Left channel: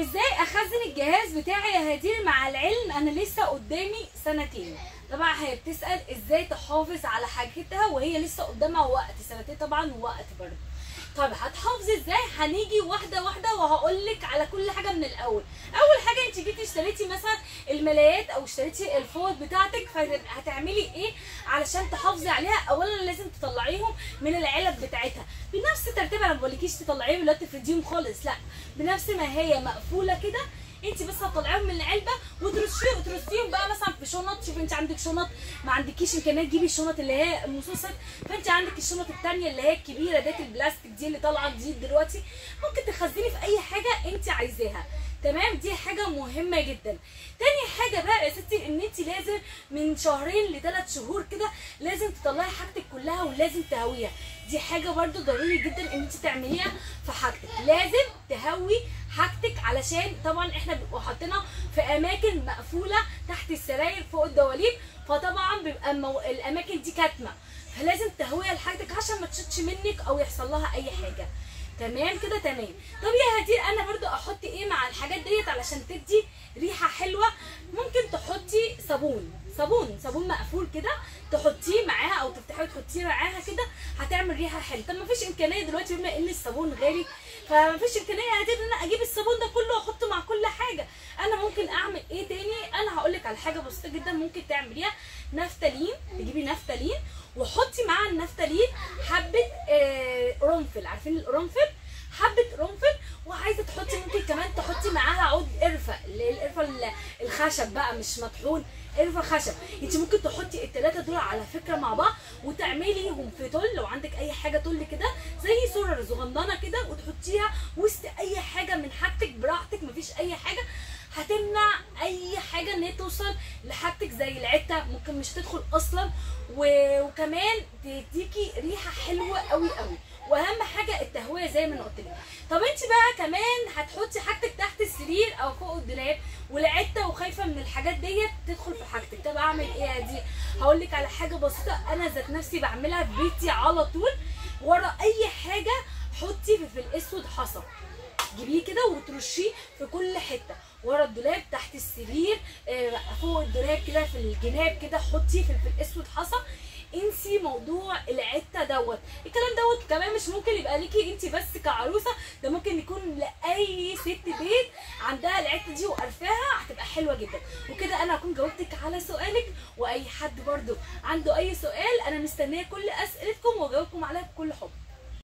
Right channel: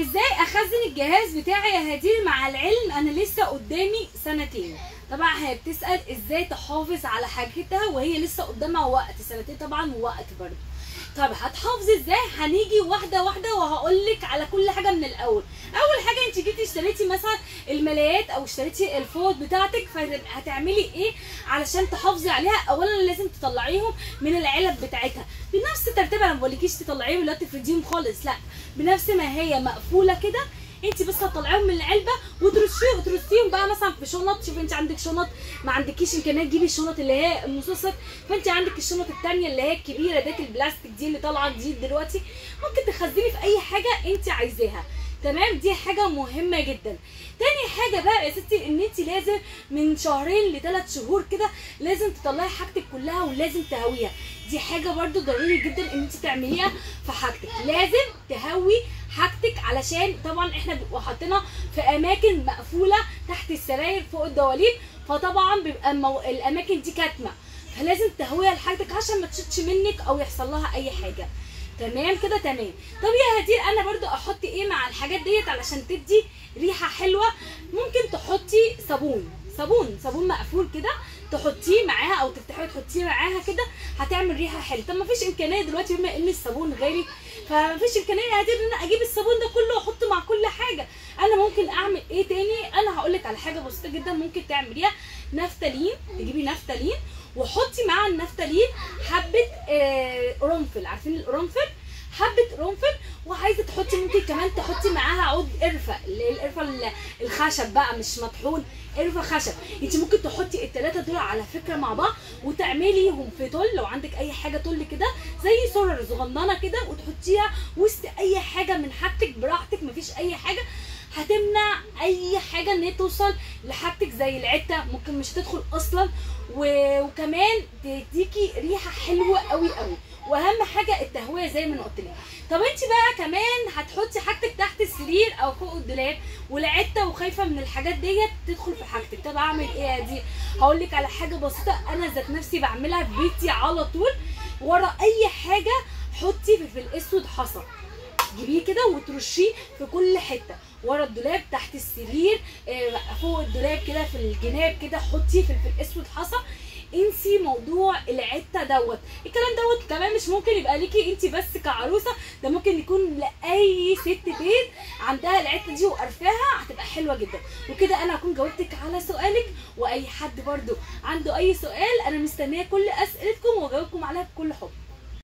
ازاي اخزن الجهاز بتاعي يا هدير؟ مع العلم انا لسه قدامي سنتين. طبعا هي بتسأل ازاي تحافظ على حاجتها وهي لسه قدامها وقت، سنتين طبعا وقت برضه. طب هتحافظي ازاي؟ هنيجي واحده واحده وهقولك على كل حاجه من الاول. اول حاجه انت جيتي اشتريتي مثلا الملايات او اشتريتي الفوط بتاعتك، فهتعملي ايه علشان تحافظي عليها؟ اولا لازم تطلعيهم من العلب بتاعتها بنفس ترتيبها. انا ما بقولكيش تطلعيهم ولا تفرديهم خالص، لا، بنفس ما هي مقفوله كده. انت بس هتطلعيهم من العلبه وترصيهم بقى مثلا في شنط. شوفي انت عندك شنط، ما عندكيش امكانيه تجيبي الشنط اللي هي المصاصات، فانت عندك الشنط الثانيه اللي هي الكبيره ديت البلاستيك دي اللي طالعه جديد دلوقتي، ممكن تخزني في اي حاجه انت عايزاها. تمام، دي حاجه مهمه جدا. تاني حاجه بقى يا ستي ان انت لازم من 2 ل3 شهور كده لازم تطلعي حاجتك كلها ولازم تهويها. دي حاجه برده ضروري جدا ان انت تعمليها في حاجتك، لازم تهوي حاجتك علشان طبعا احنا بنبقى حاطينها في اماكن مقفوله تحت السراير فوق الدواليب، فطبعا بيبقى الاماكن دي كاتمه، فلازم تهويها لحاجتك عشان ما تشتش منك او يحصل لها اي حاجه. تمام كده تمام. طب يا هدير انا برضو احط ايه مع الحاجات ديت علشان تدي ريحه حلوه؟ ممكن تحطي صابون مقفول كده تحطيه معاها او تفتحيه وتحطيه معاها كده، هتعمل ريحه حلوه. طب ما فيش امكانيه دلوقتي بما ان الصابون غالي، فما فيش امكانيه يا هدير ان انا اجيب الصابون ده كله واحطه مع كل حاجه. انا ممكن اعمل ايه تاني؟ انا هقول لك على حاجه بسيطه جدا ممكن تعمليها. نفتالين، تجيبي نفتالين وحطي مع النفتالين حبه قرنفل. عارفين القرنفل؟ حبه قرنفل. وعايزه تحطي ممكن كمان تحطي معاها عود قرفه، اللي هي القرفه الخشب بقى مش مطحون، قرفه خشب. انت ممكن تحطي الثلاثه دول على فكره مع بعض وتعمليهم في تل، لو عندك اي حاجه تل كده زي سرر صغننه كده، وتحطيها وسط اي حاجه من حاجتك براحتك، مفيش اي حاجه هتمنع اي حاجه ان هي توصل لحاجتك زي العته، ممكن مش تدخل اصلا، وكمان تديكي ريحه حلوه قوي قوي. واهم حاجه التهويه زي ما انا قلت لك. طب انت بقى كمان هتحطي حاجتك تحت السرير او فوق الدولاب والعته وخايفه من الحاجات ديت تدخل في حاجتك. طب اعمل ايه يا دي؟ هقول لك على حاجه بسيطه انا ذات نفسي بعملها في بيتي على طول. ورا اي حاجه حطي فلفل اسود حصى، جيبيه كده وترشيه في كل حته، ورا الدولاب، تحت السرير، فوق الدولاب كده في الجناب كده حطي فلفل اسود حصى. انسي موضوع العته دوت. الكلام دوت كمان مش ممكن يبقى ليكي انت بس كعروسه، ده ممكن يكون لاي ست بيت عندها العته دي وقرفاها، هتبقى حلوه جدا. وكده انا هكون جاوبتك على سؤالك، واي حد برده عنده اي سؤال انا مستنيه كل اسئلتكم واجاوبكم عليها بكل حب.